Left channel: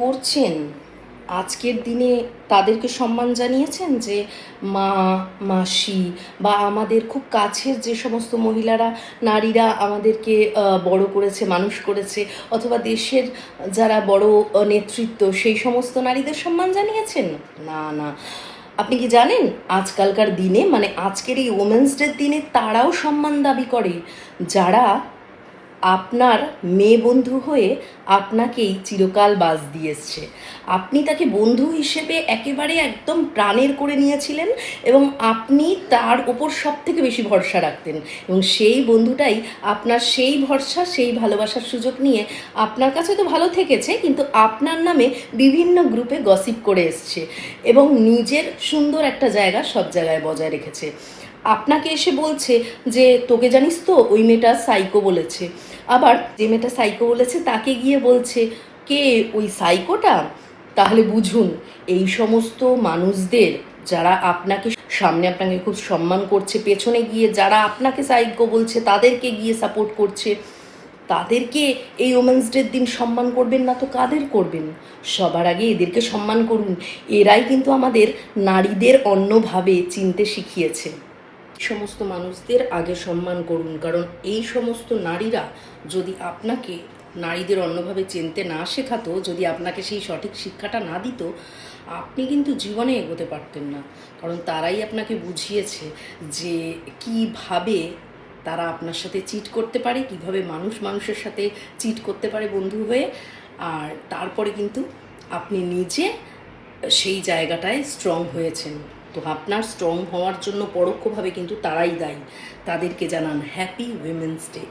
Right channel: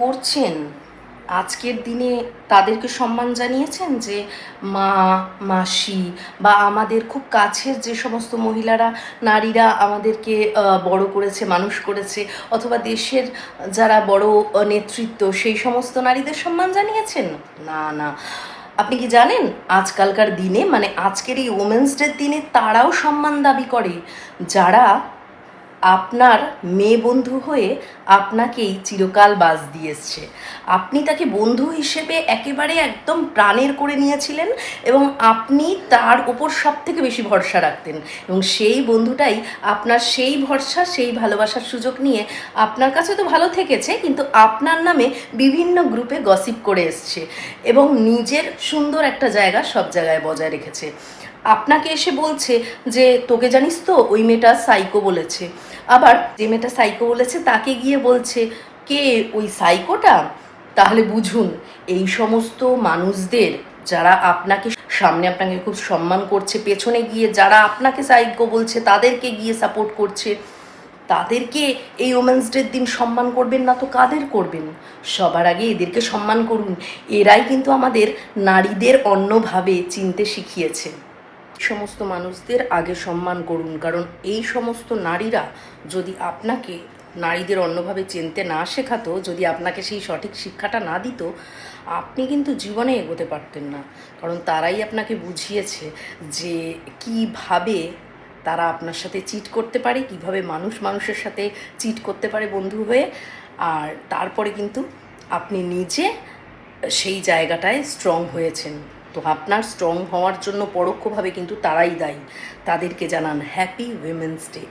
করছেন আজকের দিনে তাদেরকে সম্মান জানিয়েছেন? যে মা, মাসি বা আমাদের খুব কাছের যে সমস্ত মহিলারা, নারীরা আমাদেরকে বড় করেছে, মানুষ করেছে, অথবা দেশের যারা বড় নেতৃত্ব, সেই সমস্ত নারীদের সম্মান জানিয়েছেন? না না। আপনি কি জানেন আজকালকার দিনে, মানে আজকের এই ওমেন্স ডের দিনে তারাও সম্মান দাবি করে যারা আপনার মেয়ে বন্ধু হয়ে আপনাকেই চিরকাল বাস দিয়ে এসছে। আপনি তাকে বন্ধু হিসেবে একেবারে একদম প্রাণের করে নিয়েছিলেন এবং আপনি তার উপর সব থেকে বেশি ভরসা রাখতেন, এবং সেই বন্ধুটাই আপনার সেই ভরসা, সেই ভালোবাসার সুযোগ নিয়ে আপনার কাছে তো ভালো থেকেছে, কিন্তু আপনার নামে বিভিন্ন গ্রুপে গসিপ করে এসছে এবং নিজের সুন্দর একটা জায়গা সব জায়গায় বজায় রেখেছে। আপনাকে এসে বলছে যে তোকে জানিস তো ওই মেয়েটা সাইকো বলেছে, আবার যে মেয়েটা সাইকো বলেছে তাকে গিয়ে বলছে কে ওই সাইকোটা। তাহলে বুঝুন, এই সমস্ত মানুষদের যারা আপনাকে সামনে আপনাকে খুব সম্মান করছে, পেছনে গিয়ে যারা আপনাকে সাইকো বলছে তাদেরকে গিয়ে সাপোর্ট করছে, তাদেরকে এই ওমেন্স ডের দিন সম্মান করবেন না তো কাদের করবেন? সবার আগে এদেরকে সম্মান করুন। এরাই কিন্তু আমাদের নারীদের অন্যভাবে চিনতে শিখিয়েছে। সমস্ত মানুষদের আগে সম্মান করুন, কারণ এই সমস্ত নারীরা যদি আপনাকে নারীদের অন্যভাবে চিনতে না শেখাতো, যদি আপনাকে সেই সঠিক শিক্ষাটা না দিত, আপনি কিন্তু জীবনে এগোতে পারতেন না। কারণ তারাই আপনাকে বুঝিয়েছে যে কিভাবে তারা আপনার সাথে চিট করতে পারে, কিভাবে মানুষ মানুষের সাথে চিট করতে পারে বন্ধু হয়ে। আর তারপরে কিন্তু আপনি নিজে সেই জায়গাটায় স্ট্রং হয়েছেন। তো আপনার স্ট্রং হওয়ার জন্য পরোক্ষভাবে কিন্তু তারাই দায়ী। তাদেরকে জানান হ্যাপি উইমেন্স ডে।